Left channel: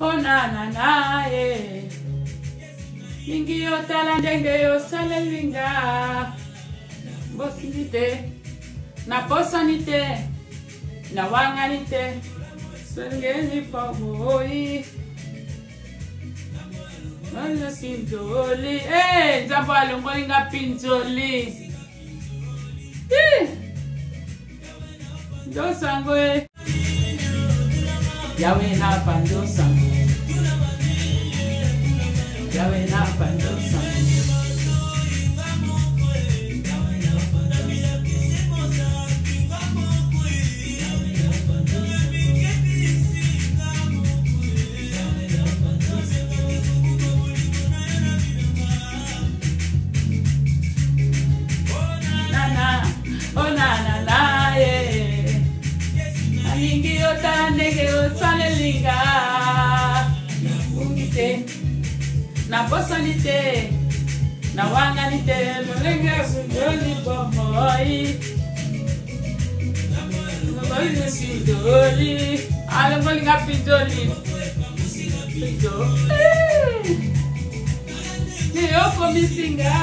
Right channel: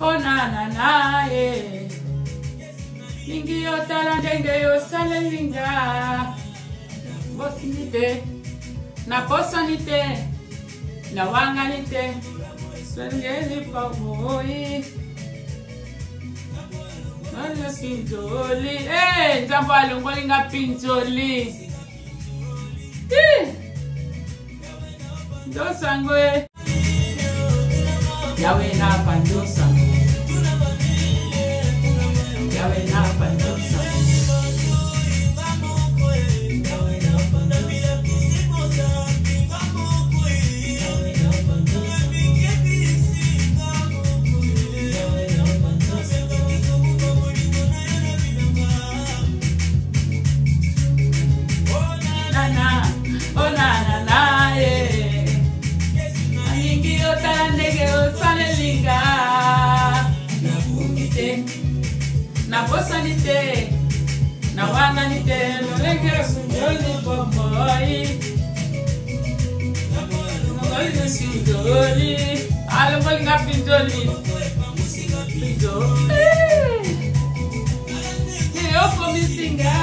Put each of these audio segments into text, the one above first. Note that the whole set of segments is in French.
Oh na na na eh. Mingi yo talandenge yo salelinga. Bosinite. Na bosanite. Na wanganite. Sengeli pa boy. Mala pinzoli. Eh, nzambo alongolinga pinzoli. Ndo sango eh. Yawe na panjo sango. Yawe na panjo sango. Oh na na na yeah. Ayingi yo talandege yo salelinga. Na bosanite. Na wanganite. Lolenge sujoli boy. Lolenge sujoli. Alongolinga pinjoli. Pinjoli. Yo komisinga.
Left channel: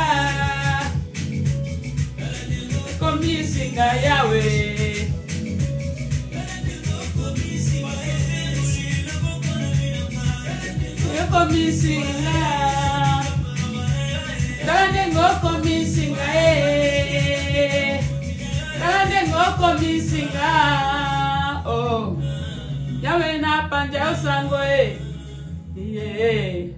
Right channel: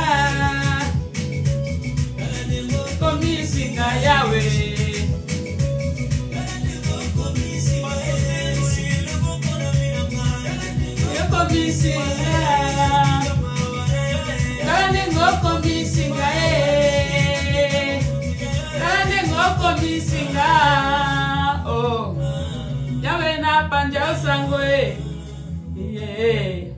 Komisinga yawe. Komisinga. Talandengo komisinga eh. Talandengo komisinga. Oh. Yawe na panja sango eh. Yeah.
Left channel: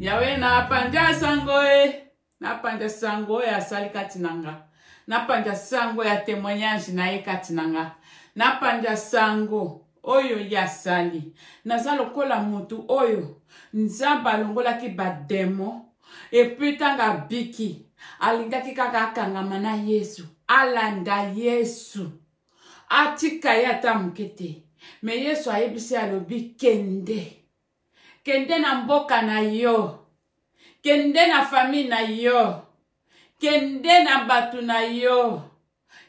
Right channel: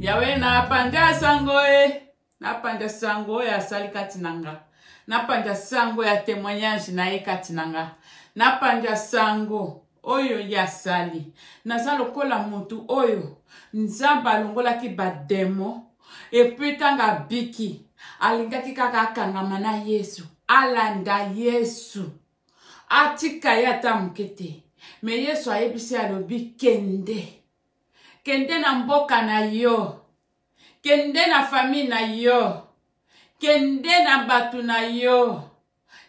Yawe na panja sango eh. Na panja sango ya salikati nanga. Na panja sango ya témoignage na ekati nanga. Na panja sango oyo ya sali. Naza lokola mutu oyo. Nzamba longola ki bademo. Et puis tanga biki. Alingaki kaka akangama na Yesu. Alanda Yesu. Atika yata mukete. Me Yesu ayebisi alobi kende. Kende na mboka na yo. Kende na famille na yo. Kende na batu na yo.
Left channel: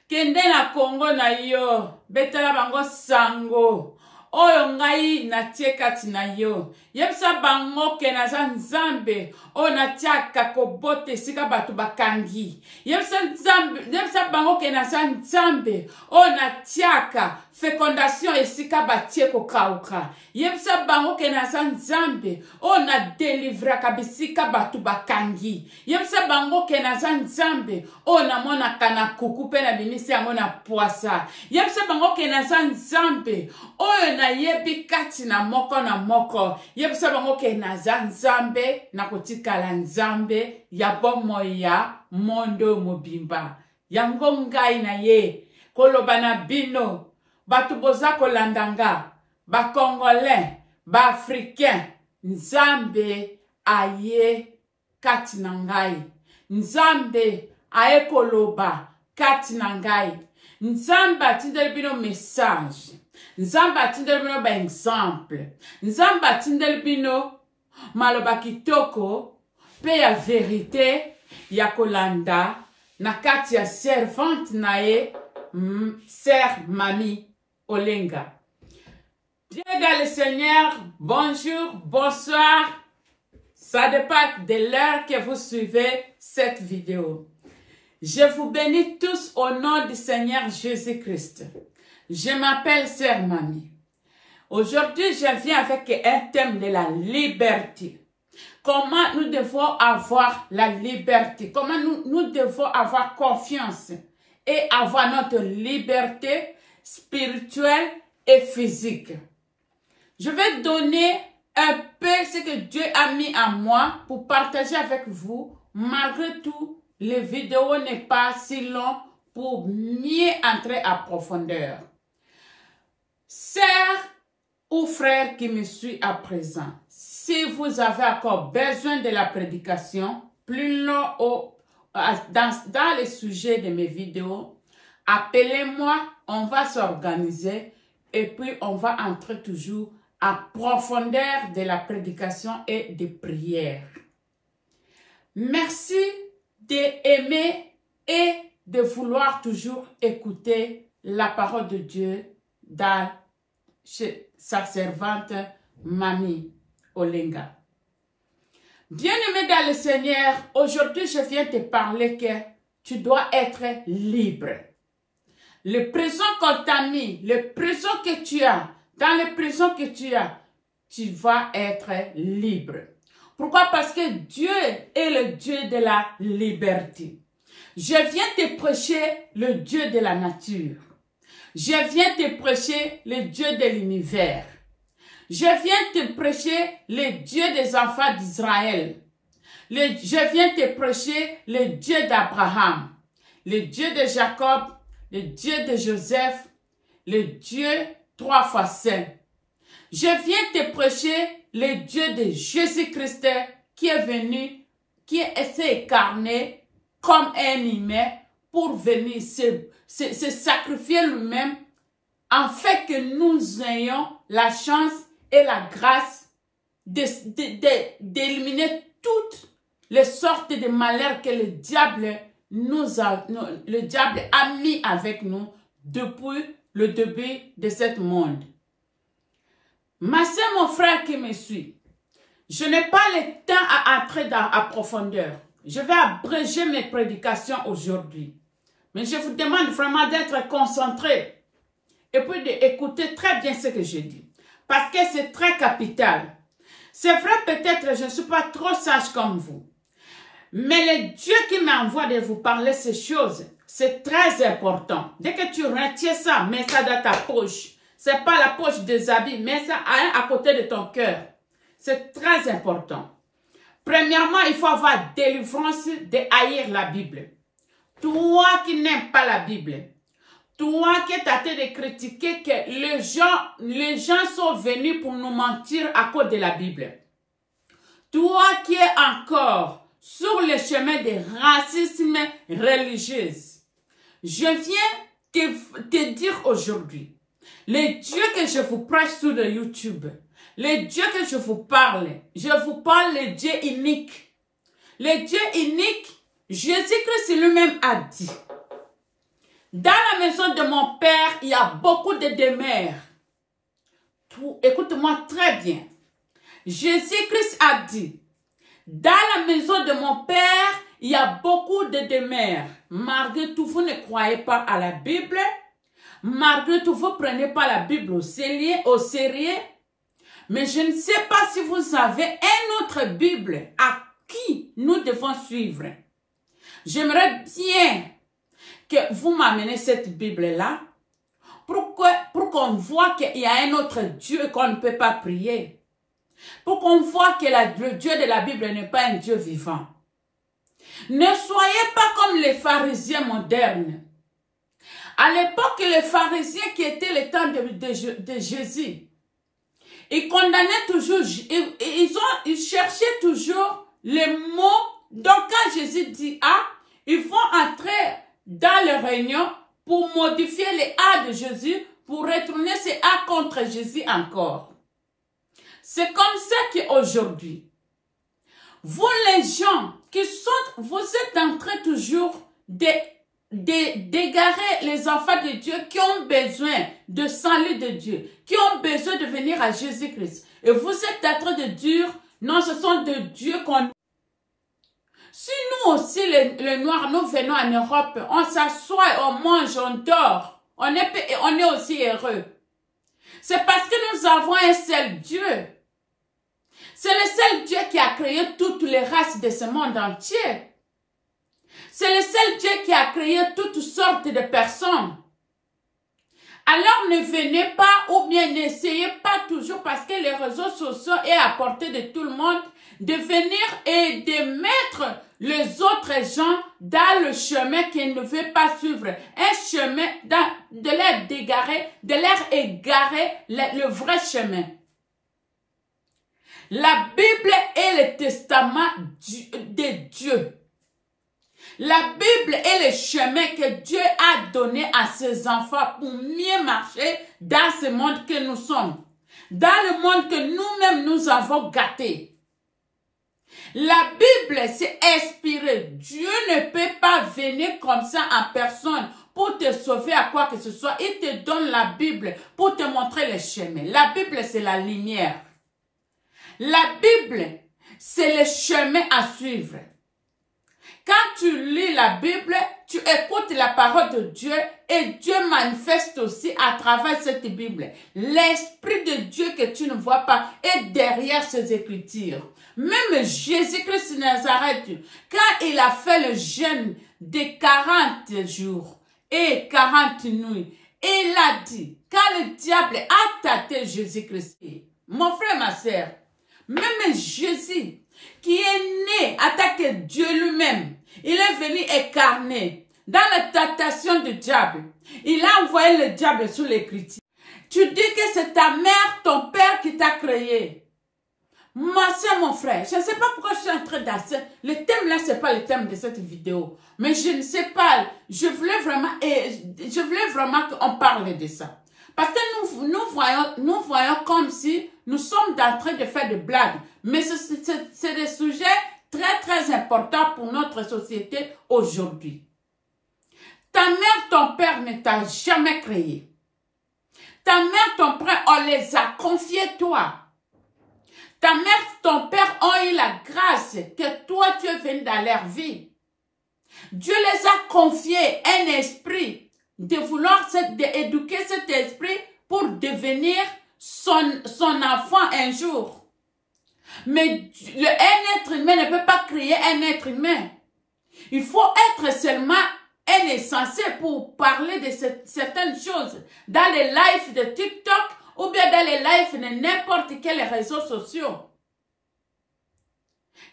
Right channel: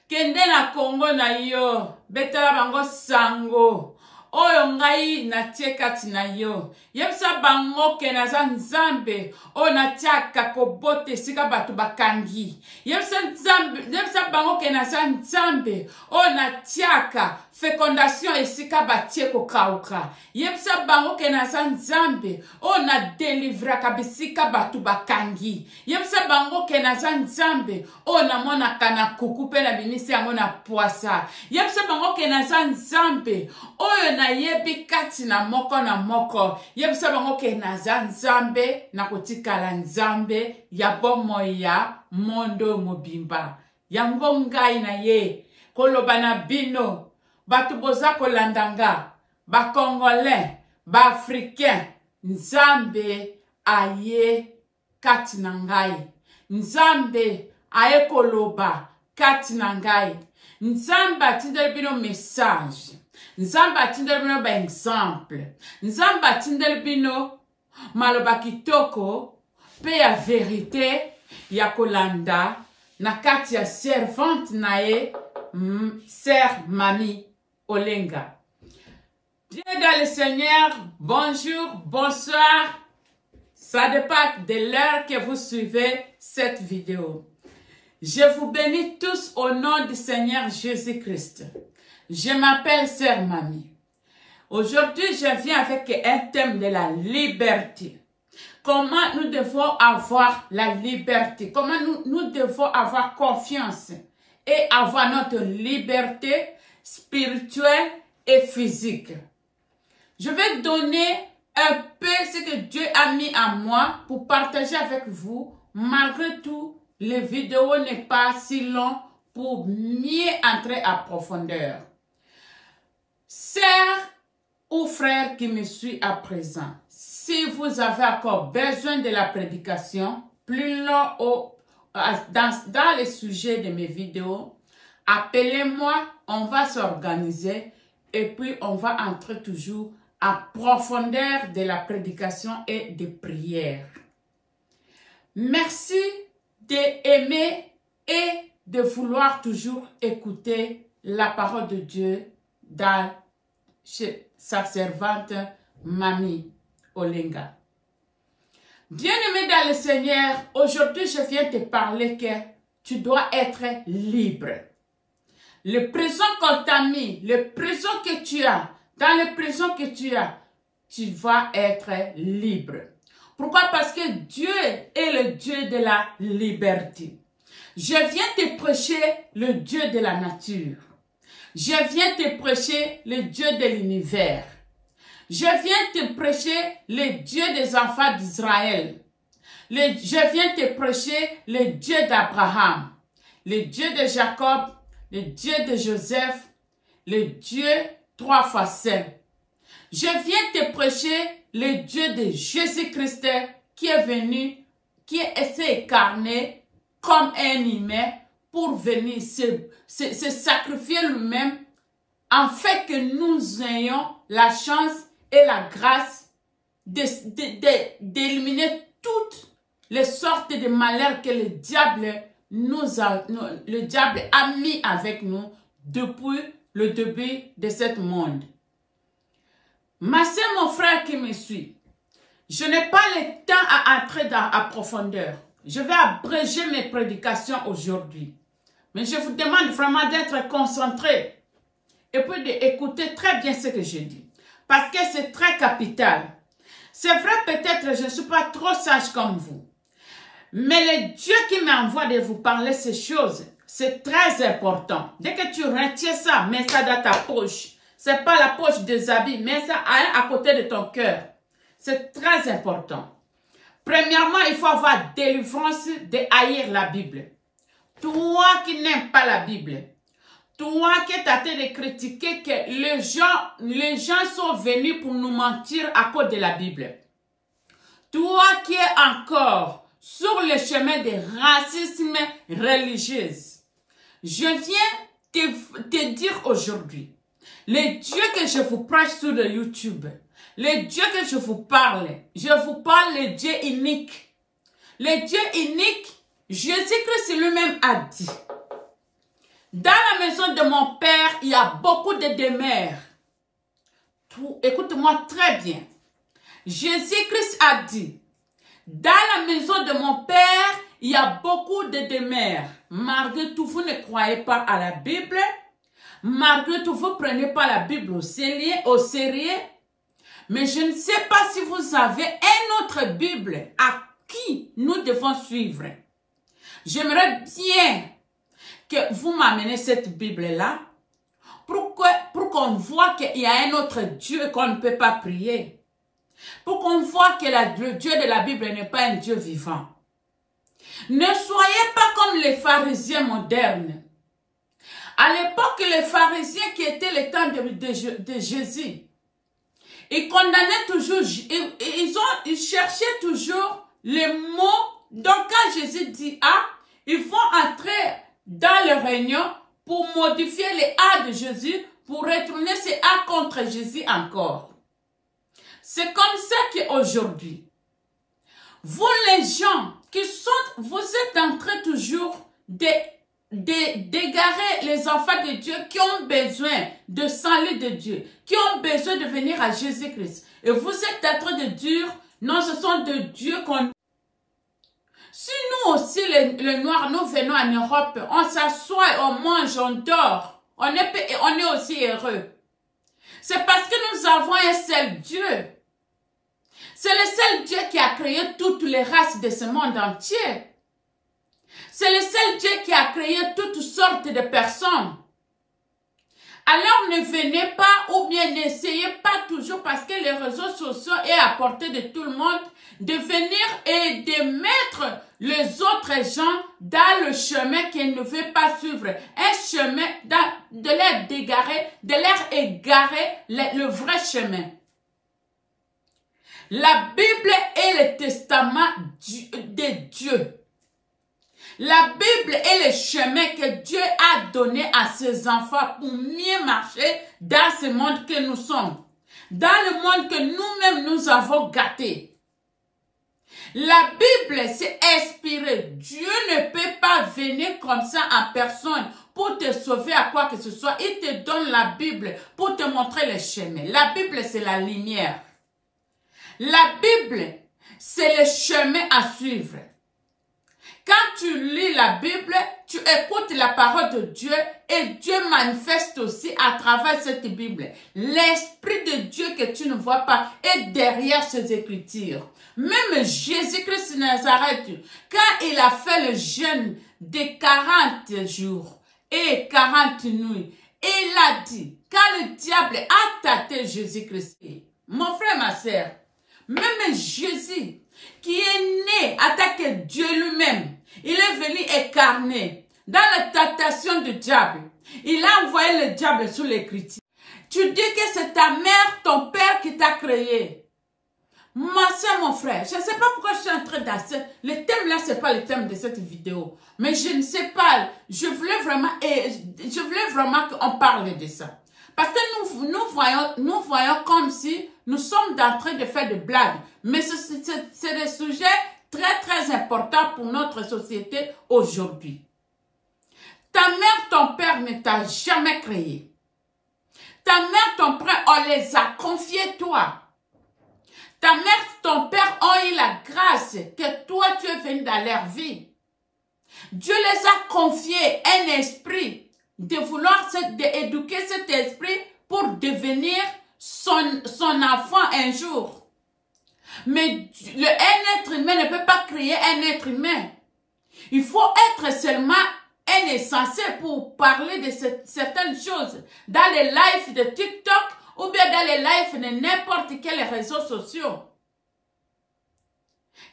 Kende na Congo na yo. Betala bango sango. Oyo ngai na tiekati na yo. Yebisa bango ke naza nzambe. O na tiaka kobote sika batu bakangi. Yebisa bango ke naza nzambe. O na tiaka fécondation esika batie ko kauka. Yebisa bango ke naza nzambe. O na delivra kabisika batu bakangi. Yebisa bango ke naza nzambe. O na mona kana kuku pe na binisi yango na poasa. Yebisa bango ke naza nzambe. Oyo na yebi kati na moko na moko. Yebisa bango ke naza nzambe na kotikala nzambe ya bomo ya mondo mobimba. Yango ngai na ye koloba na bino. Batu boza kolandanga. Ba Congolais. Ba Africain. Nzambe aye kati na ngai. Nzambe aye koloba kati na ngai. Nzambe atindeli bino message. Nzambe atindeli bino ba exemple. Nzambe atindeli bino maloba kitoko pe ya verite ya kolanda na kati ya servante na ye Sœur Mami Olenga. Dieu dans le Seigneur, bonjour, bonsoir. Ça dépend de l'heure que vous suivez cette vidéo. Je vous bénis tous au nom du Seigneur Jésus-Christ. Je m'appelle Sœur Mami. Aujourd'hui, je viens avec un thème de la liberté. Comment nous devons avoir la liberté? Comment nous devons avoir confiance et avoir notre liberté spirituelle et physique. Je vais donner un peu ce que Dieu a mis à moi pour partager avec vous. Malgré tout, les vidéos n'est pas si long pour mieux entrer à profondeur. Sœur ou frère qui me suit à présent, si vous avez encore besoin de la prédication plus long dans les sujets de mes vidéos, appelez-moi, on va s'organiser et puis on va entrer toujours à profondeur de la prédication et de prière. Merci d'aimer et de vouloir toujours écouter la parole de Dieu dans chez sa servante Mami Olenga. Bien-aimé dans le Seigneur, aujourd'hui je viens te parler que tu dois être libre. Le présent qu'on t'a mis, le présent que tu as, dans le présent que tu vas être libre. Pourquoi? Parce que Dieu est le Dieu de la liberté. Je viens te prêcher le Dieu de la nature. Je viens te prêcher le Dieu de l'univers. Je viens te prêcher le Dieu des enfants d'Israël. Je viens te prêcher le Dieu d'Abraham, le Dieu de Jacob, le Dieu de Joseph, le Dieu 3 fois saint. Je viens te prêcher le Dieu de Jésus-Christ qui est venu, qui s'est incarné comme un humain pour venir se sacrifier lui-même, en fait que nous ayons la chance et la grâce d'éliminer toutes les sortes de malheurs que le diable a mis avec nous depuis le début de ce monde. Ma soeur, mon frère qui me suit, je n'ai pas le temps à entrer dans la profondeur. Je vais abréger mes prédications aujourd'hui. Mais je vous demande vraiment d'être concentré et puis d'écouter très bien ce que je dis. Parce que c'est très capital. C'est vrai, peut-être je ne suis pas trop sage comme vous. Mais le Dieu qui m'envoie de vous parler ces choses, c'est très important. Dès que tu retiens ça, mets ça dans ta poche. C'est pas la poche des habits, mets ça à côté de ton cœur. C'est très important. Premièrement, il faut avoir délivrance de haïr la Bible. Toi qui n'aimes pas la Bible, toi qui es tenté de critiquer que les gens sont venus pour nous mentir à cause de la Bible. Toi qui es encore sur le chemin de racisme religieux. Je viens te dire aujourd'hui, le Dieu que je vous prêche sur le YouTube, le Dieu que je vous parle le Dieu unique. Le Dieu unique, Jésus-Christ lui-même a dit, dans la maison de mon Père, il y a beaucoup de demeures. Écoute-moi très bien. Jésus-Christ a dit, dans la maison de mon Père, il y a beaucoup de demeures. Malgré tout, vous ne croyez pas à la Bible. Malgré tout, vous ne prenez pas la Bible au sérieux. Mais je ne sais pas si vous avez une autre Bible à qui nous devons suivre. J'aimerais bien que vous m'amenez cette Bible-là pour qu'on voit qu'il y a un autre Dieu qu'on ne peut pas prier. Pour qu'on voit que le Dieu de la Bible n'est pas un Dieu vivant. Ne soyez pas comme les pharisiens modernes. À l'époque, les pharisiens qui étaient le temps de Jésus, ils condamnaient toujours, ils cherchaient toujours les mots. Donc quand Jésus dit A, ils vont entrer dans le réunion pour modifier les A de Jésus, pour retourner ces A contre Jésus encore. C'est comme ça qu'aujourd'hui, vous les gens qui sont, vous êtes en train toujours d'égarer les enfants de Dieu qui ont besoin de salut de Dieu, qui ont besoin de venir à Jésus-Christ. Et vous êtes en train de dire, non, ce sont de Dieu qu'on... Si nous aussi, les Noirs, nous venons en Europe, on s'assoit, on mange, on dort, on est aussi heureux. C'est parce que nous avons un seul Dieu. C'est le seul Dieu qui a créé toutes les races de ce monde entier. C'est le seul Dieu qui a créé toutes sortes de personnes. Alors ne venez pas ou bien n'essayez pas toujours parce que les réseaux sociaux est à portée de tout le monde de venir et de mettre les autres gens dans le chemin qu'ils ne veulent pas suivre. Un chemin de leur égarer le vrai chemin. La Bible est le testament de Dieu. La Bible est le chemin que Dieu a donné à ses enfants pour mieux marcher dans ce monde que nous sommes. Dans le monde que nous-mêmes nous avons gâté. La Bible, c'est inspiré. Dieu ne peut pas venir comme ça en personne pour te sauver à quoi que ce soit. Il te donne la Bible pour te montrer le chemin. La Bible, c'est la lumière. La Bible, c'est le chemin à suivre. Quand tu lis la Bible, tu écoutes la parole de Dieu et Dieu manifeste aussi à travers cette Bible. L'Esprit de Dieu que tu ne vois pas est derrière ces Écritures. Même Jésus-Christ de Nazareth, quand il a fait le jeûne de 40 jours et 40 nuits, il a dit, quand le diable a tâté Jésus-Christ, mon frère, ma sœur, même Jésus, qui est né en tant que Dieu lui-même, il est venu incarner dans la tentation du diable. Il a envoyé le diable sous les critiques. Tu dis que c'est ta mère, ton père qui t'a créé. Moi, c'est mon frère. Je ne sais pas pourquoi je suis en train d'asser. Le thème là, ce n'est pas le thème de cette vidéo. Mais je ne sais pas. Je voulais vraiment qu'on parle de ça. Parce que nous voyons comme si nous sommes en train de faire des blagues. Mais c'est des sujets très, très importants pour notre société aujourd'hui. Ta mère, ton père ne t'a jamais créé. Ta mère, ton père, on les a confiés toi. Ta mère, ton père ont eu la grâce que toi, tu es venu dans leur vie. Dieu les a confiés un esprit de vouloir éduquer cet esprit pour devenir son enfant un jour. Mais un être humain ne peut pas créer un être humain. Il faut être seulement un insensé pour parler de certaines choses dans les lives de TikTok ou bien dans les lives de n'importe quels réseaux sociaux.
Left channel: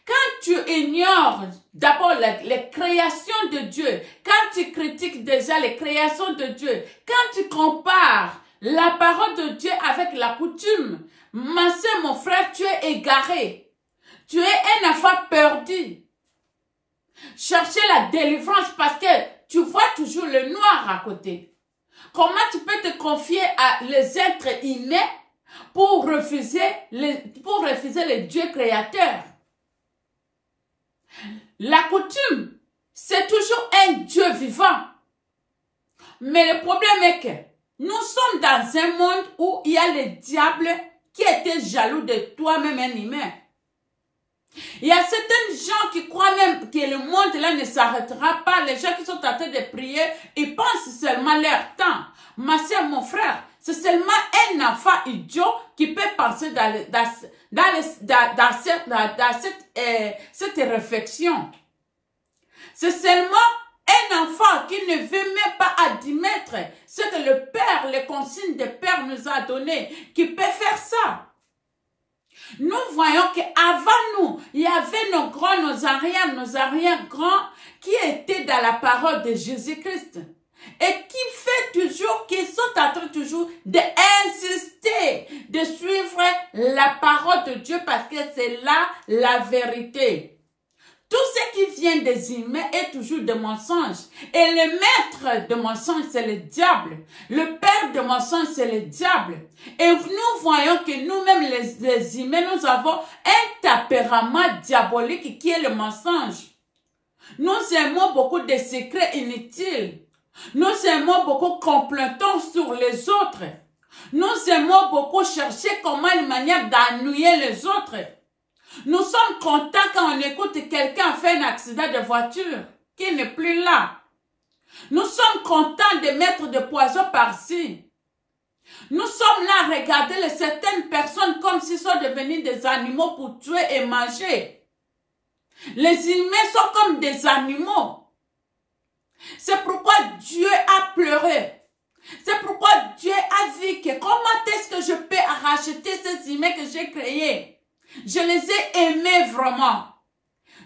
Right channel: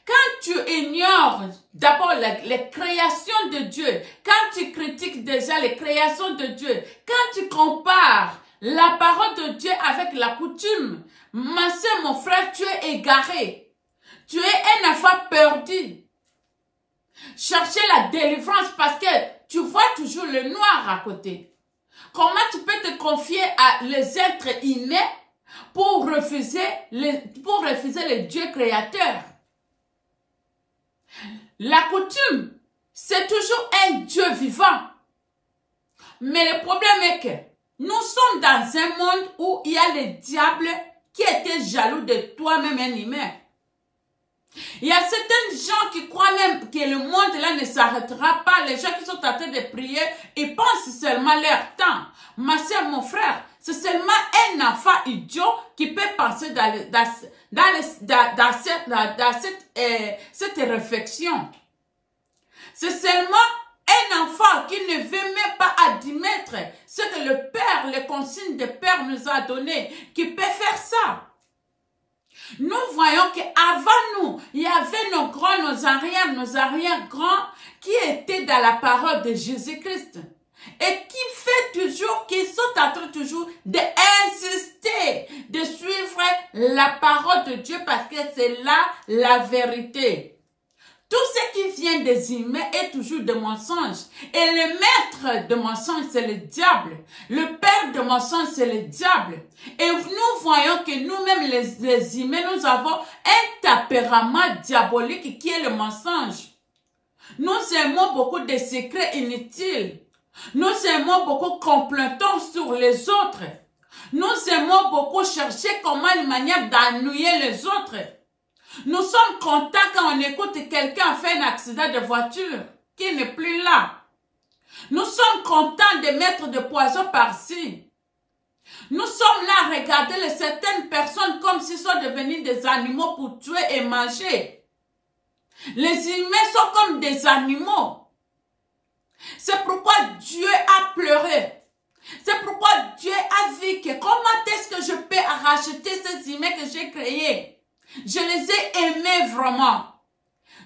Quand tu ignores d'abord les créations de Dieu, quand tu critiques déjà les créations de Dieu, quand tu compares la parole de Dieu avec la coutume, ma soeur, mon frère, tu es égaré. Tu es un enfant perdu. Cherchez la délivrance parce que tu vois toujours le noir à côté. Comment tu peux te confier à les êtres innés pour refuser le Dieu créateur? La coutume, c'est toujours un Dieu vivant. Mais le problème est que nous sommes dans un monde où il y a le diable qui était jaloux de toi-même, un humain. Il y a certains gens qui croient même que le monde là ne s'arrêtera pas. Les gens qui sont en train de prier, ils pensent seulement leur temps. Ma soeur, mon frère, c'est seulement un enfant idiot qui peut penser dans cette réflexion. C'est seulement un enfant qui ne veut même pas admettre ce que le Père, les consignes de Père nous a donné, qui peut faire ça. Nous voyons qu'avant nous, il y avait nos grands, nos arrière-grands qui étaient dans la parole de Jésus-Christ. Et qui sont en train toujours d'insister, de suivre la parole de Dieu parce que c'est là la vérité. Tout ce qui vient des humains est toujours de mensonges. Et le maître de mensonges, c'est le diable. Le père de mensonges, c'est le diable. Et nous voyons que nous-mêmes, les humains, nous avons un tempérament diabolique qui est le mensonge. Nous aimons beaucoup de secrets inutiles. Nous aimons beaucoup comploter sur les autres. Nous aimons beaucoup chercher comment une manière d'ennuyer les autres. Nous sommes contents quand on écoute quelqu'un faire un accident de voiture, qui n'est plus là. Nous sommes contents de mettre des poisons par-ci. Nous sommes là à regarder certaines personnes comme s'ils sont devenus des animaux pour tuer et manger. Les humains sont comme des animaux. C'est pourquoi Dieu a pleuré. C'est pourquoi Dieu a dit que comment est-ce que je peux racheter ces humains que j'ai créés? Je les ai aimés vraiment.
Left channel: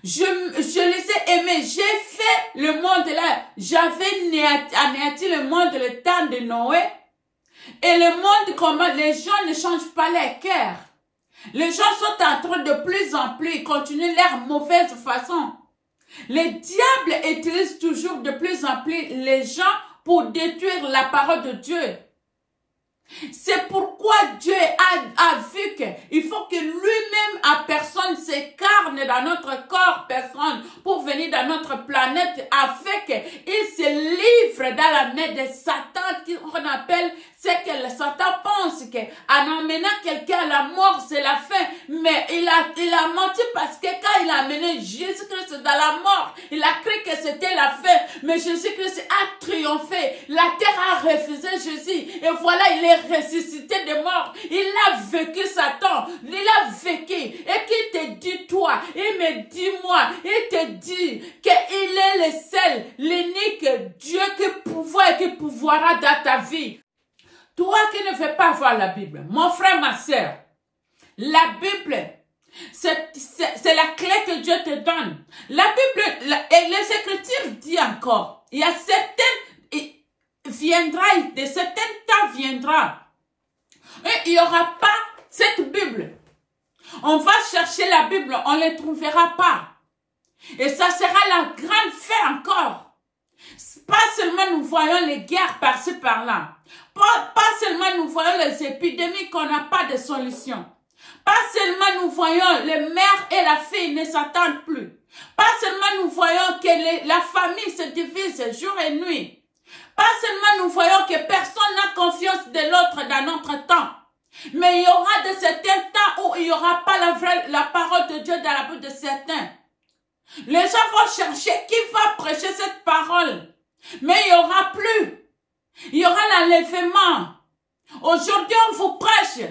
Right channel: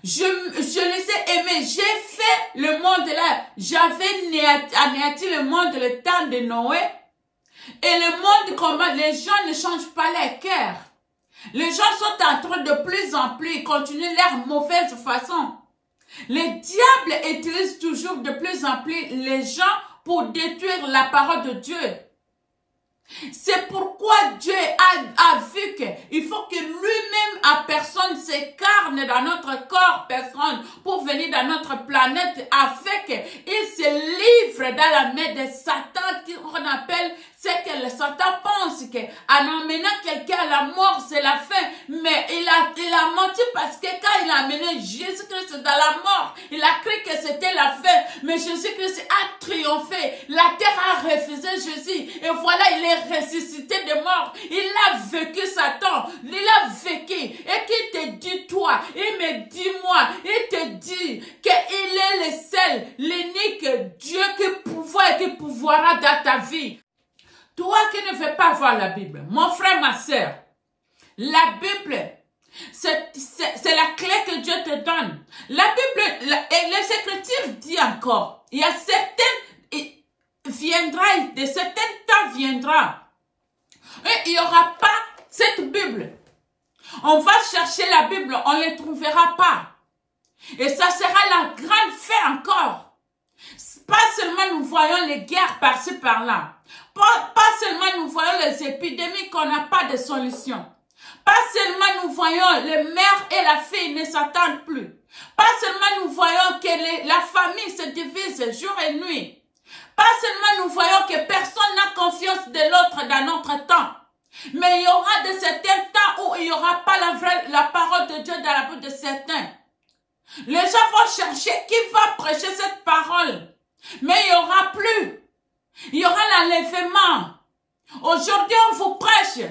Je les ai aimés. J'ai fait le monde là. J'avais anéanti le monde le temps de Noé. Et le monde, comment les gens ne changent pas leur cœur. Les gens sont en train de plus en plus continuer leur mauvaise façon. Le diable utilise toujours de plus en plus les gens pour détruire la parole de Dieu. C'est pourquoi Dieu a vu qu'il faut que lui-même à personne s'incarne dans notre corps, personne, pour venir dans notre planète, afin qu'il se livre dans la main de Satan, qu'on appelle, sait que Satan pense qu'en emmenant quelqu'un à la mort, c'est la fin. Mais il a menti parce que quand il a amené Jésus-Christ dans la mort, il a cru que c'était la fin. Mais Jésus-Christ a triomphé. La terre a refusé Jésus. Et voilà, il est ressuscité des morts. Il a vécu Satan. Il a vécu. Et qu'il te dit, toi, il me dit, moi, il te dit qu'il est le seul, l'unique Dieu qui pouvoir et qui pouvoira dans ta vie. Toi qui ne veux pas voir la Bible, mon frère, ma soeur, la Bible, c'est la clé que Dieu te donne. La Bible, et les Écritures disent encore, il y a certaines, de certains temps viendra. Et il n'y aura pas cette Bible. On va chercher la Bible, on ne la trouvera pas. Et ça sera la grande fin encore. Pas seulement nous voyons les guerres par-ci par-là. Pas seulement nous voyons les épidémies qu'on n'a pas de solution. Pas seulement nous voyons les mères et la fille ne s'entendent plus. Pas seulement nous voyons que la famille se divise jour et nuit. Pas seulement nous voyons que personne n'a confiance de l'autre dans notre temps. Mais il y aura de certains temps où il n'y aura pas la parole de Dieu dans la bouche de certains. Les gens vont chercher qui va prêcher cette parole. Mais il n'y aura plus. Il y aura l'enlèvement. Aujourd'hui, on vous prêche.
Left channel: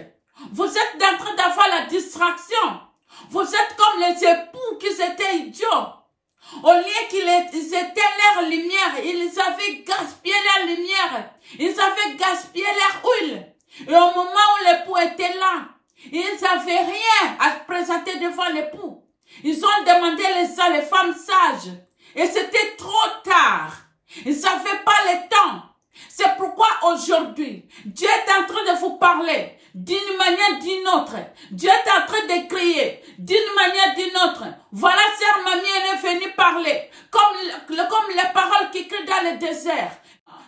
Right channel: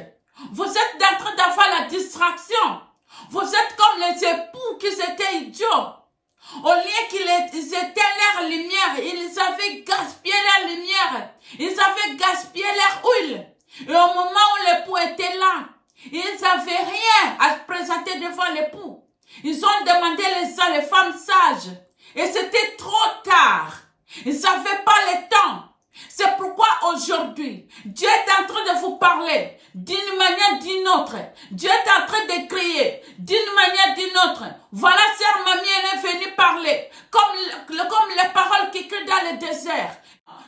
Vous êtes en train d'avoir la distraction. Vous êtes comme les époux qui étaient idiots. Au lieu qu'ils étaient leur lumière, ils avaient gaspillé leur lumière. Ils avaient gaspillé leur huile. Et au moment où l'époux était là, ils n'avaient rien à présenter devant l'époux. Ils ont demandé les femmes sages. Et c'était trop tard. Ils n'avaient pas le temps. C'est pourquoi aujourd'hui, Dieu est en train de vous parler d'une manière d'une autre. Dieu est en train de crier d'une manière d'une autre. Voilà, sœur Mamie, elle est venue parler. Comme les paroles qui crient dans le désert.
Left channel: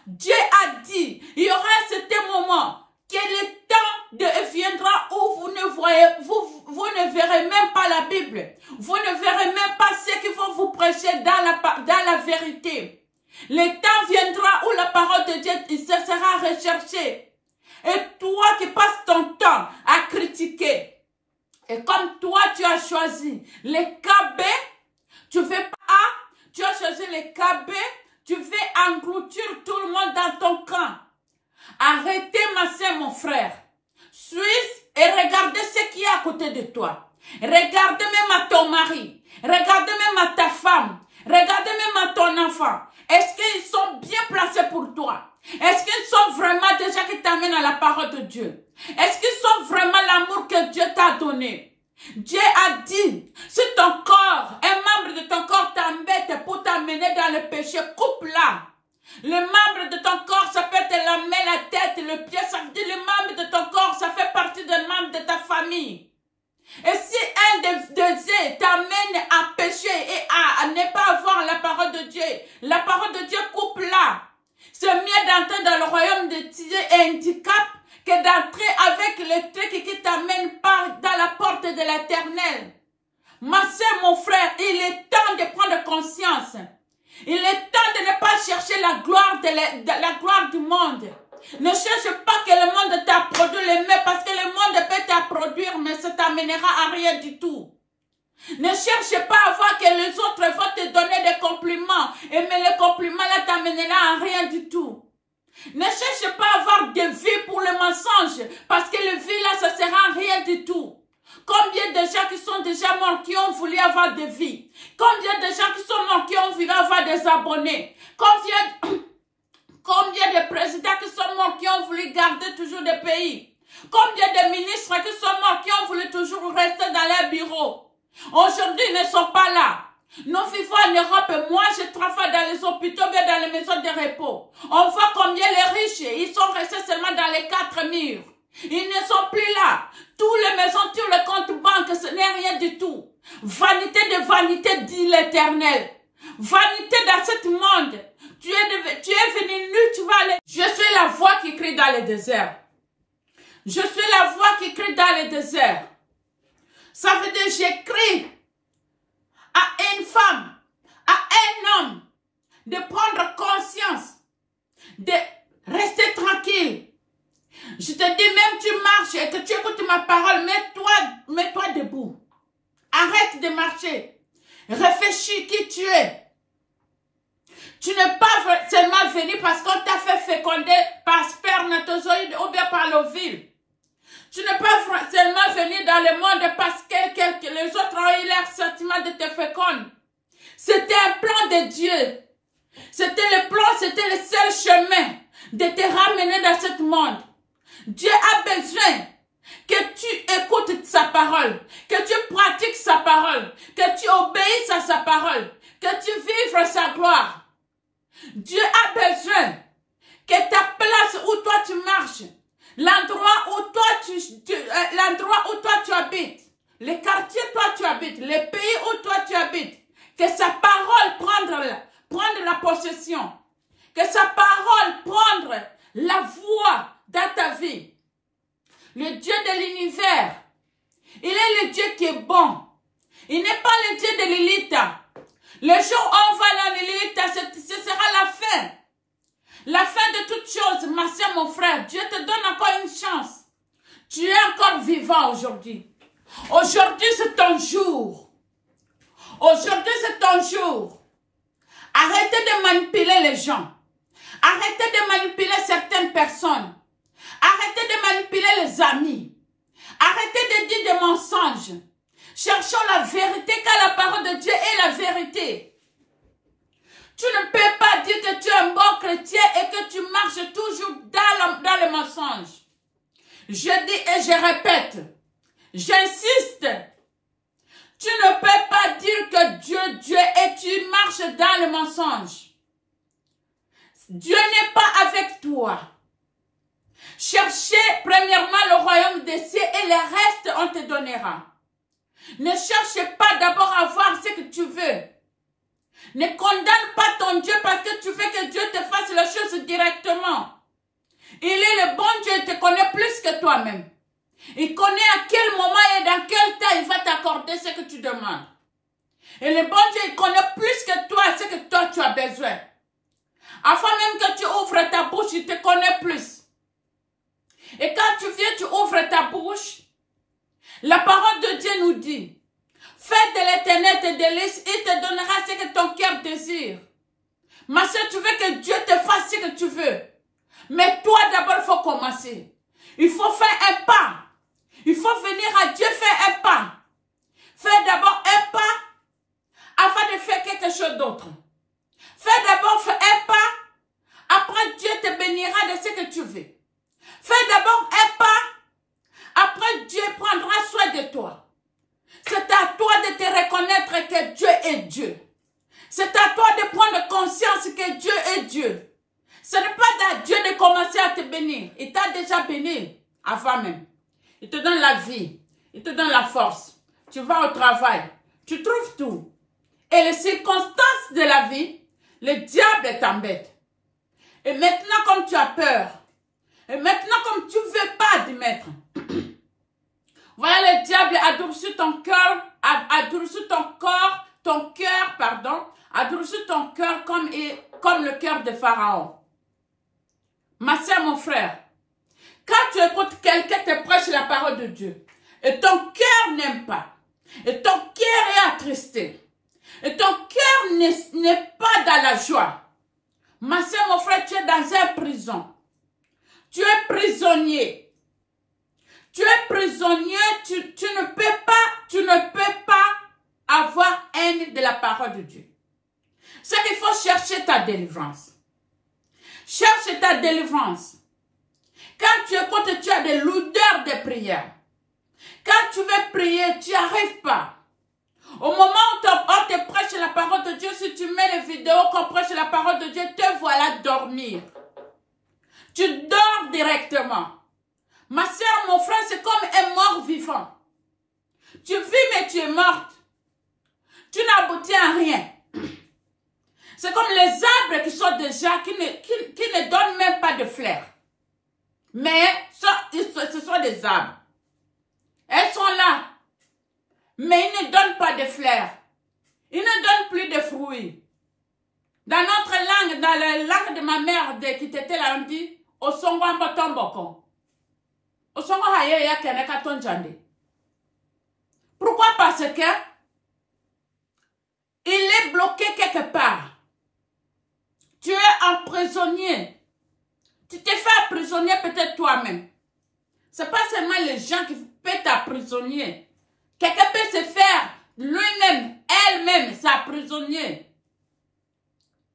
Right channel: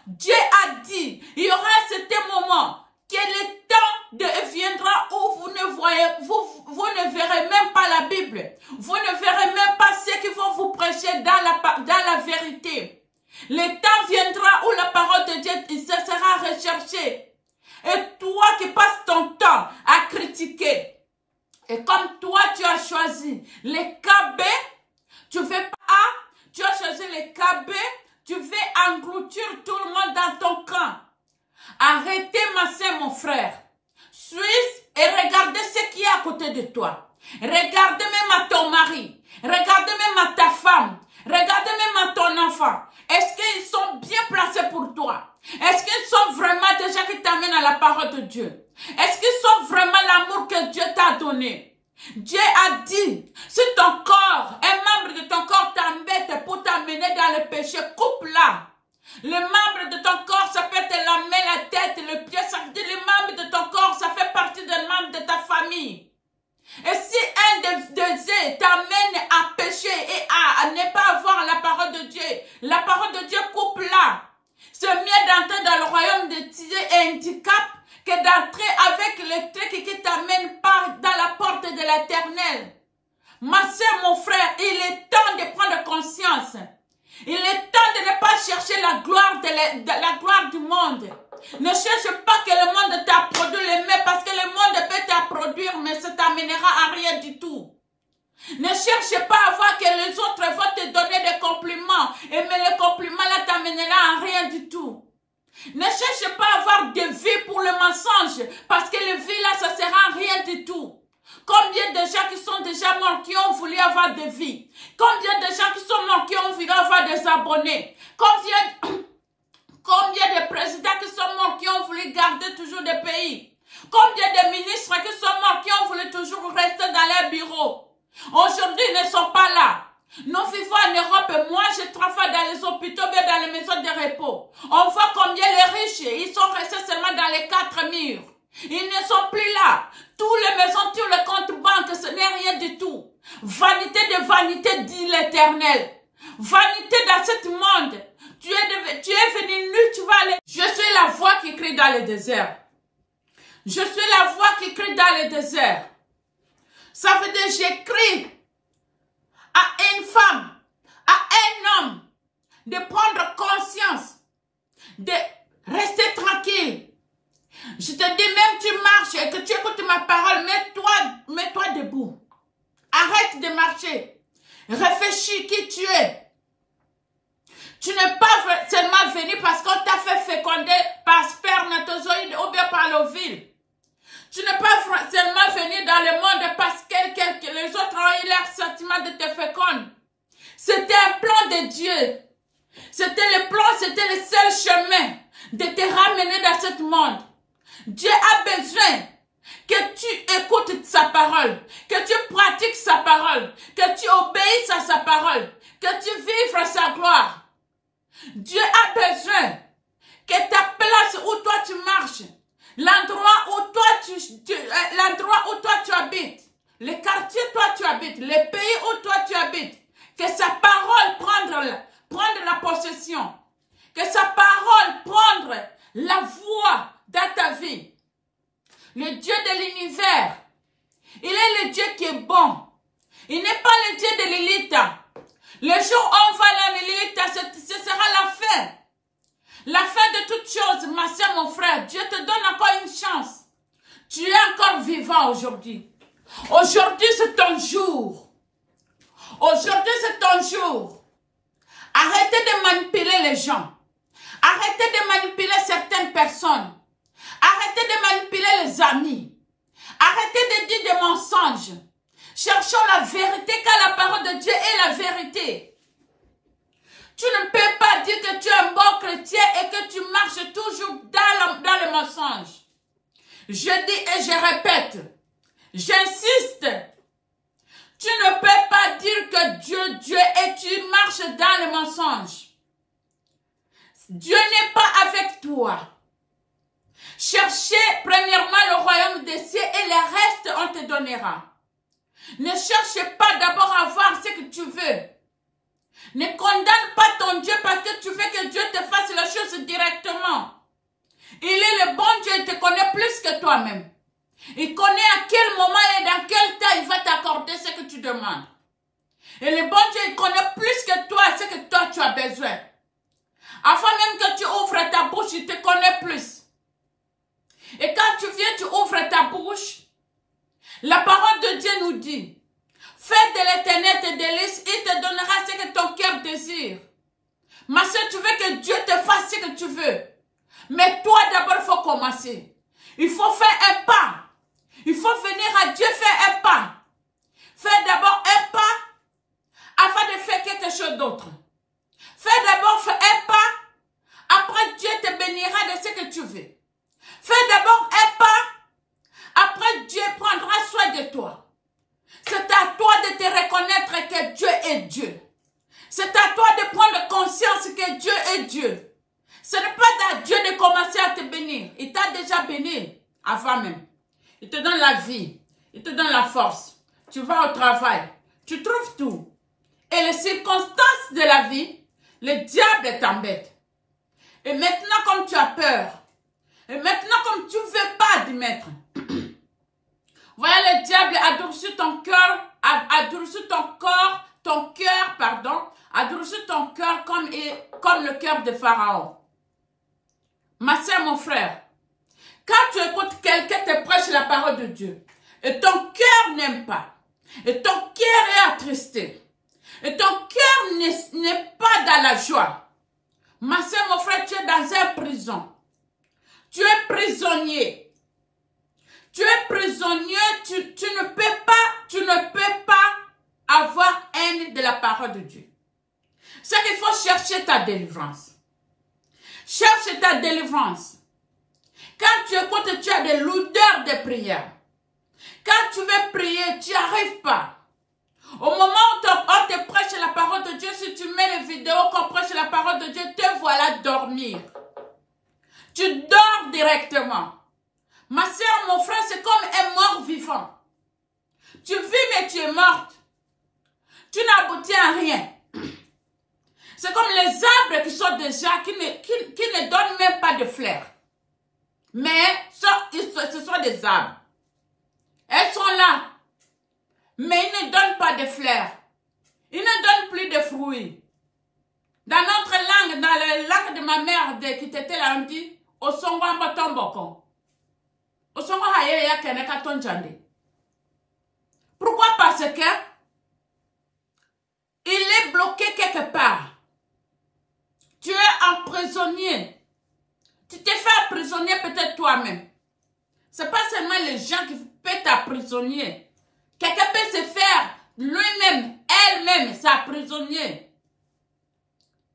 Dieu a dit, il y aura un certain moment que le temps viendra où vous ne verrez même pas la Bible. Vous ne verrez même pas ceux qui vont vous prêcher dans la vérité. Le temps viendra où la parole de Dieu sera recherchée. Et toi qui passes ton temps à critiquer, et comme toi tu as choisi les KB, tu as choisi les KB, tu veux engloutir tout le monde dans ton camp. Arrêtez, ma soeur, mon frère. Suisse et regardez ce qui est à côté de toi. Regardez même à ton mari. Regardez même à ta femme. Regardez même à ton enfant. Est-ce qu'ils sont bien placés pour toi? Est-ce qu'ils sont vraiment des gens qui t'amènent à la parole de Dieu? Est-ce qu'ils sont vraiment l'amour que Dieu t'a donné? Dieu a dit, si ton corps, un membre de ton corps t'embête pour t'amener dans le péché, coupe-la. Le membre de ton corps, ça peut être la main, la tête, le pied, ça veut dire le membre de ton corps, ça fait partie des membres de ta famille. Et si un de eux t'amène à pécher et à ne pas avoir la parole de Dieu, la parole de Dieu coupe-la. C'est mieux d'entrer dans le royaume de Dieu et handicap que d'entrer avec le truc qui t'amène dans la porte de l'Éternel. Ma soeur, mon frère, il est temps de prendre conscience. Il est temps de ne pas chercher la gloire du monde. Ne cherche pas que le monde t'a produit le mieux parce que le monde peut t'approduire, mais ça t'amènera à rien du tout. Ne cherche pas à voir que les autres vont te donner des compliments, mais le compliment là t'amènera à rien du tout. Ne cherche pas à avoir des vies pour le mensonge, parce que les vies là, ça sert à rien du tout. Combien de gens qui sont déjà morts qui ont voulu avoir des vies? Combien de gens qui sont morts qui ont voulu avoir des abonnés? Combien de présidents qui sont morts qui ont voulu garder toujours des pays? Combien de ministres qui sont morts qui ont voulu toujours rester dans leur bureau? Aujourd'hui, ils ne sont pas là. Nous vivons en Europe. Moi, je travaille dans les hôpitaux, mais dans les maisons de repos. On voit combien les riches, ils sont restés seulement dans les 4 murs. Ils ne sont plus là. Tous les maisons, tous les comptes banques, ce n'est rien du tout. Vanité de vanité, dit l'Éternel. Vanité dans ce monde. Tu es venu nu, tu vas aller. Je suis la voix qui crie dans le désert. Je suis la voix qui crie dans le désert. Ça veut dire, j'écris à une femme, à un homme, de prendre conscience, de rester tranquille. Je te dis, même tu marches et que tu écoutes ma parole, mets-toi debout. Arrête de marcher. Réfléchis qui tu es. Tu n'es pas seulement venu parce qu'on t'a fait féconder par spermatozoïde ou bien par l'ovule. Tu n'es pas seulement venu dans le monde parce que les autres ont eu leur sentiment de te féconder. C'était un plan de Dieu. C'était le plan, c'était le seul chemin de te ramener dans ce monde. Dieu a besoin que tu écoutes sa parole, que tu pratiques sa parole, que tu obéisses à sa parole, que tu vives sa gloire. Dieu a besoin que ta place où toi tu marches, l'endroit où toi tu habites, le quartier où toi tu habites, le pays où toi tu habites, que sa parole prendre la possession, que sa parole prendre la voix dans ta vie. Le Dieu de l'univers, il est le Dieu qui est bon. Il n'est pas le Dieu de Lilith. Le jour où on va dans Lilith, ce sera la fin. La fin de toutes choses, ma soeur, mon frère. Dieu te donne encore une chance. Tu es encore vivant aujourd'hui. Aujourd'hui, c'est ton jour. Aujourd'hui, c'est ton jour. Arrêtez de manipuler les gens. Arrêtez de manipuler certaines personnes. Arrêtez de manipuler les amis. Arrêtez de dire des mensonges. Cherchons la vérité car la parole de Dieu est la vérité. Tu ne peux pas dire que tu es un bon chrétien et que tu marches toujours dans le mensonge. Je dis et je répète. J'insiste. Tu ne peux pas dire que Dieu et tu marches dans le mensonge. Dieu n'est pas avec toi. Cherchez premièrement le royaume des cieux et le reste on te donnera. Ne cherche pas d'abord à voir ce que tu veux. Ne condamne pas ton Dieu parce que tu veux que Dieu te fasse la chose directement. Il est le bon Dieu, il te connaît plus que toi-même. Il connaît à quel moment et dans quel temps il va t'accorder ce que tu demandes. Et le bon Dieu, il connaît plus que toi ce que toi tu as besoin. Avant même que tu ouvres ta bouche, il te connaît plus. Et quand tu viens, tu ouvres ta bouche, la parole de Dieu nous dit, fais de l'Éternel tes délices, il te donnera ce que ton cœur désire. Ma soeur, tu veux que Dieu te fasse ce que tu veux. Mais toi, d'abord, il faut commencer. Il faut faire un pas. Il faut venir à Dieu faire un pas. Fais d'abord un pas avant de faire quelque chose d'autre. Fais d'abord un pas. Après, Dieu te bénira de ce que tu veux. Fais d'abord un pas. Après, Dieu prendra soin de toi. C'est à toi de te reconnaître que Dieu est Dieu. C'est à toi de prendre conscience que Dieu est Dieu. Ce n'est pas à Dieu de commencer à te bénir. Il t'a déjà béni avant même. Il te donne la vie. Il te donne la force. Tu vas au travail. Tu trouves tout. Et les circonstances de la vie, le diable t'embête. Et maintenant, comme tu as peur, et maintenant, comme tu ne veux pas admettre, voilà, le diable a durci ton cœur, a durci ton corps, ton cœur, pardon, a durci ton cœur comme le cœur de Pharaon. Ma soeur, mon frère, quand tu écoutes quelqu'un te prêche la parole de Dieu, et ton cœur n'aime pas, et ton cœur est attristé, et ton cœur n'est pas dans la joie, ma soeur, mon frère, tu es dans une prison. Tu es prisonnier. Tu es prisonnier, tu ne peux pas avoir haine de la parole de Dieu. C'est qu'il faut chercher ta délivrance. Cherche ta délivrance. Quand tu écoutes, tu as des lourdeurs de prière. Quand tu veux prier, tu n'y arrives pas. Au moment où on te prêche la parole de Dieu, si tu mets les vidéos qu'on prêche la parole de Dieu, te voilà dormir. Tu dors directement. Ma soeur, mon frère, c'est comme un mort vivant. Tu vis, mais tu es morte. Tu n'aboutis à rien. C'est comme les arbres qui sont déjà, qui ne donnent même pas de fleurs. Mais ce sont des arbres. Elles sont là. Mais ils ne donnent pas de fleurs. Ils ne donnent plus de fruits. Dans notre langue, dans la langue de ma mère qui était là, on dit, au songwamba tomboko. Pourquoi? Parce que il est bloqué quelque part. Tu es un prisonnier. Tu t'es fait emprisonner peut-être toi-même. Ce n'est pas seulement les gens qui peuvent t'emprisonner. Quelqu'un peut se faire lui-même, elle-même, s'emprisonner.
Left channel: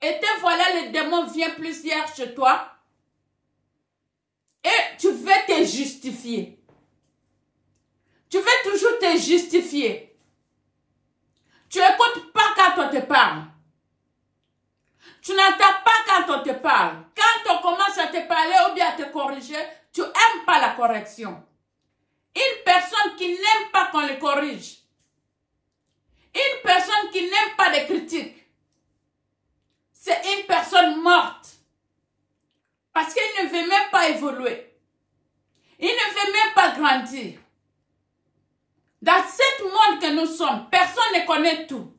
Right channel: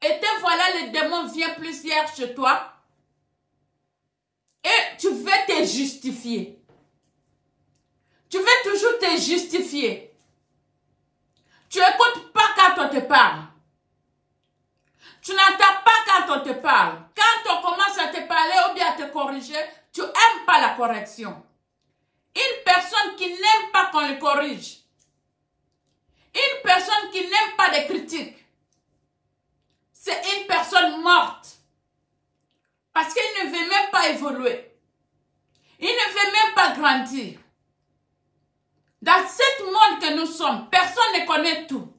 Et te voilà, le démon vient plusieurs chez toi. Et tu veux te justifier. Tu veux toujours te justifier. Tu n'écoutes pas quand on te parle. Tu n'entends pas quand on te parle. Quand on commence à te parler ou bien à te corriger, tu n'aimes pas la correction. Une personne qui n'aime pas qu'on le corrige. Une personne qui n'aime pas les critiques. C'est une personne morte. Parce qu'il ne veut même pas évoluer. Il ne veut même pas grandir. Dans ce monde que nous sommes, personne ne connaît tout.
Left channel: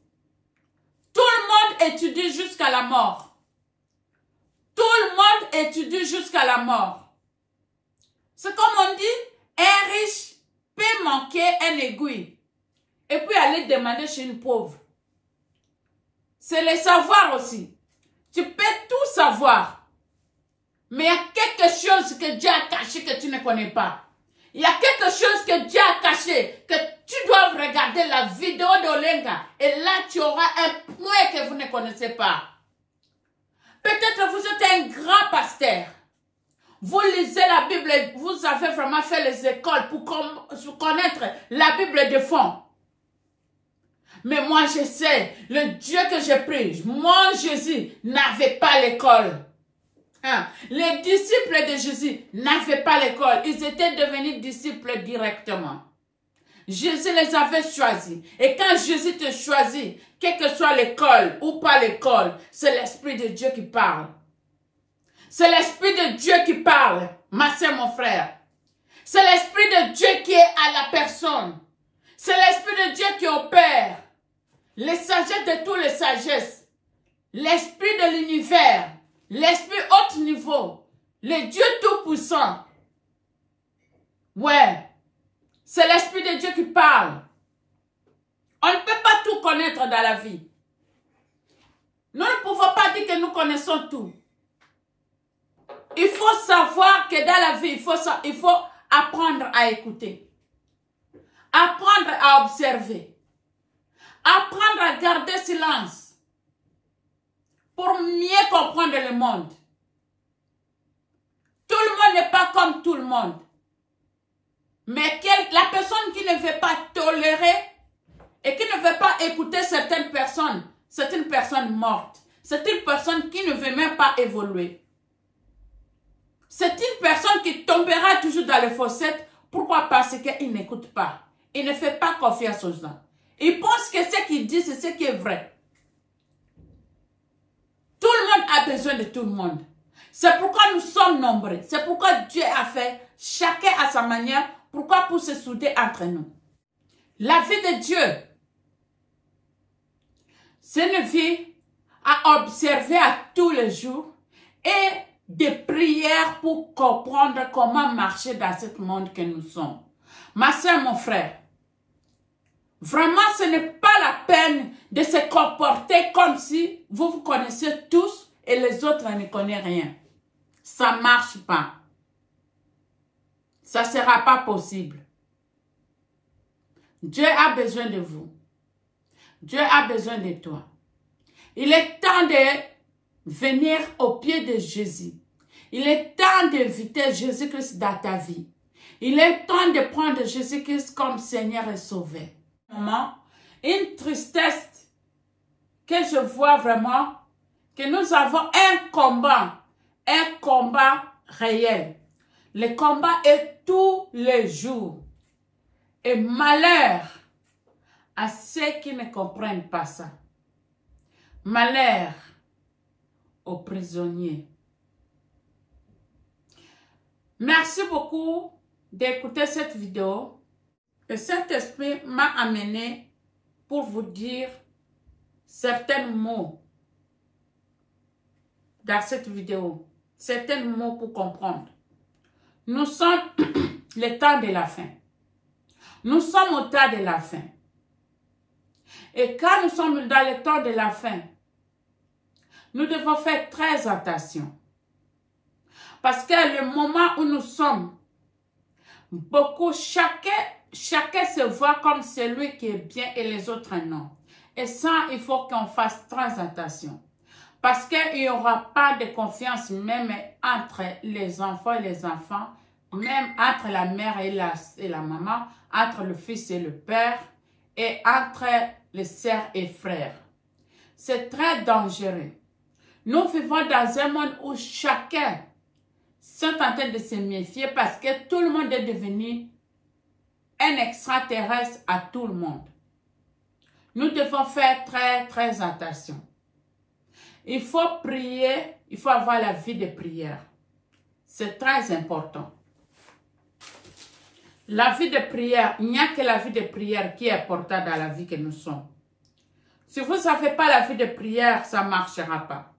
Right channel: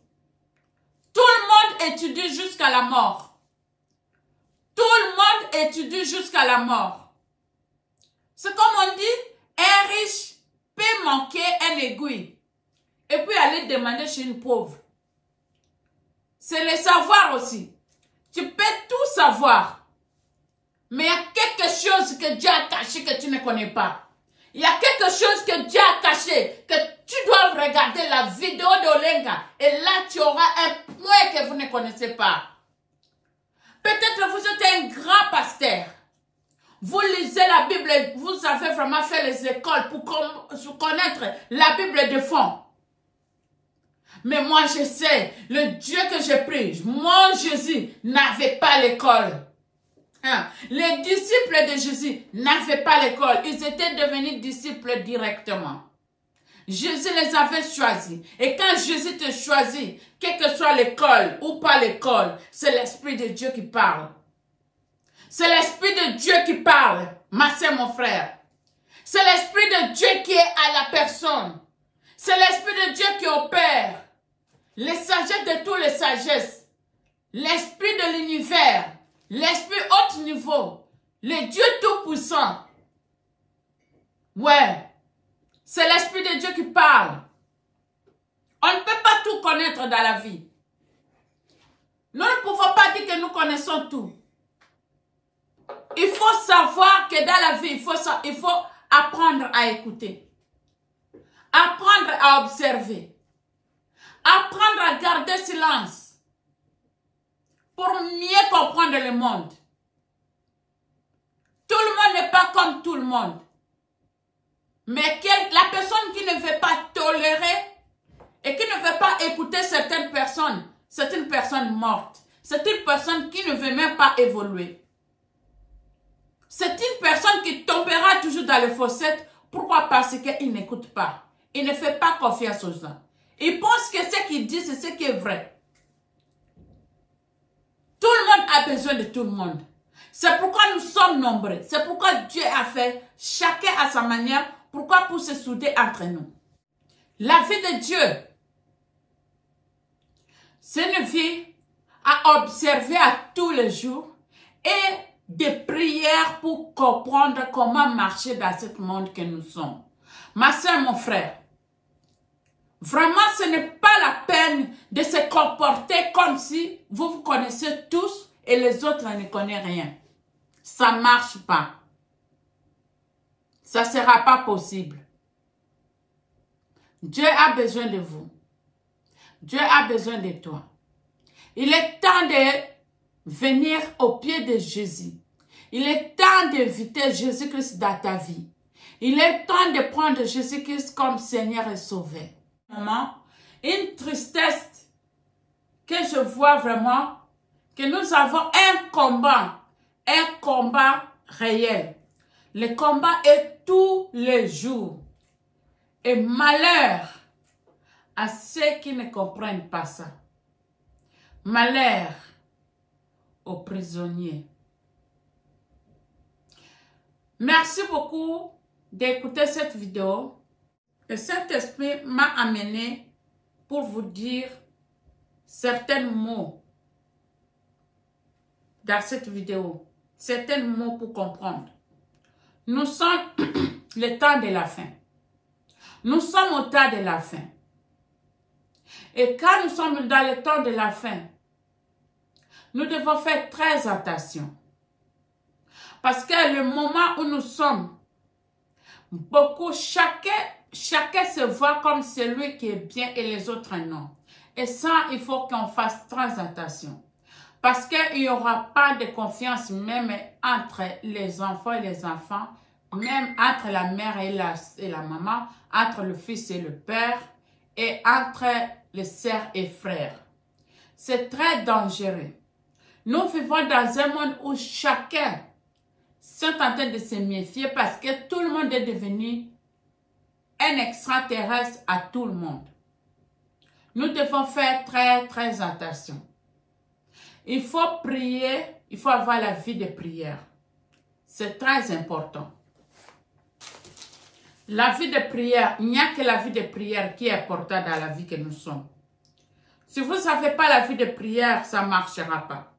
Tout le monde étudie jusqu'à la mort. Tout le monde étudie jusqu'à la mort. C'est comme on dit, un riche peut manquer un aiguille et puis aller demander chez une pauvre. C'est le savoir aussi. Tu peux tout savoir. Mais il y a quelque chose que Dieu a caché que tu ne connais pas. Il y a quelque chose que Dieu a caché, que tu dois regarder la vidéo d'Olenga. Et là, tu auras un point que vous ne connaissez pas. Peut-être vous êtes un grand pasteur. Vous lisez la Bible, vous avez vraiment fait les écoles pour connaître la Bible de fond. Mais moi, je sais, le Dieu que je prie, mon Jésus, n'avait pas l'école. Les disciples de Jésus n'avaient pas l'école. Ils étaient devenus disciples directement. Jésus les avait choisis. Et quand Jésus te choisit, quelle que soit l'école ou pas l'école, c'est l'Esprit de Dieu qui parle. C'est l'Esprit de Dieu qui parle, ma soeur, mon frère. C'est l'Esprit de Dieu qui est à la personne. C'est l'Esprit de Dieu qui opère. Les sagesses de toutes les sagesses. L'Esprit de l'univers. L'Esprit haut niveau, le Dieu tout-puissant. Ouais, c'est l'Esprit de Dieu qui parle. On ne peut pas tout connaître dans la vie. Nous ne pouvons pas dire que nous connaissons tout. Il faut savoir que dans la vie, il faut apprendre à écouter. Apprendre à observer. Apprendre à garder silence. Pour mieux comprendre le monde. Tout le monde n'est pas comme tout le monde. Mais la personne qui ne veut pas tolérer et qui ne veut pas écouter certaines personnes, c'est une personne morte. C'est une personne qui ne veut même pas évoluer. C'est une personne qui tombera toujours dans le fossé. Pourquoi? Parce qu'il n'écoute pas. Il ne fait pas confiance aux gens. Il pense que ce qu'il dit, c'est ce qui est vrai. Tout le monde a besoin de tout le monde. C'est pourquoi nous sommes nombreux. C'est pourquoi Dieu a fait chacun à sa manière. Pourquoi? Pour se souder entre nous. La vie de Dieu, c'est une vie à observer à tous les jours et des prières pour comprendre comment marcher dans ce monde que nous sommes. Ma soeur, mon frère, vraiment, ce n'est pas la peine de se comporter comme si vous vous connaissez tous et les autres ne connaissent rien. Ça ne marche pas. Ça ne sera pas possible. Dieu a besoin de vous. Dieu a besoin de toi. Il est temps de venir au pied de Jésus. Il est temps d'inviter Jésus-Christ dans ta vie. Il est temps de prendre Jésus-Christ comme Seigneur et Sauveur. Une tristesse que je vois vraiment que nous avons un combat réel. Le combat est tous les jours. Et malheur à ceux qui ne comprennent pas ça. Malheur aux prisonniers. Merci beaucoup d'écouter cette vidéo. Le Saint-Esprit m'a amené pour vous dire certains mots dans cette vidéo. Certains mots pour comprendre. Nous sommes le temps de la fin. Nous sommes au temps de la fin. Et quand nous sommes dans le temps de la fin, nous devons faire très attention. Parce que le moment où nous sommes, chacun se voit comme celui qui est bien et les autres non. Et ça, il faut qu'on fasse très attention. Parce qu'il n'y aura pas de confiance même entre les enfants et les enfants, même entre la mère et la maman, entre le fils et le père, et entre les sœurs et frères. C'est très dangereux. Nous vivons dans un monde où chacun sont en train de se méfier parce que tout le monde est devenu un extraterrestre à tout le monde. Nous devons faire très attention. Il faut prier, il faut avoir la vie de prière. C'est très important. La vie de prière, il n'y a que la vie de prière qui est importante dans la vie que nous sommes. Si vous n'avez pas la vie de prière, ça ne marchera pas.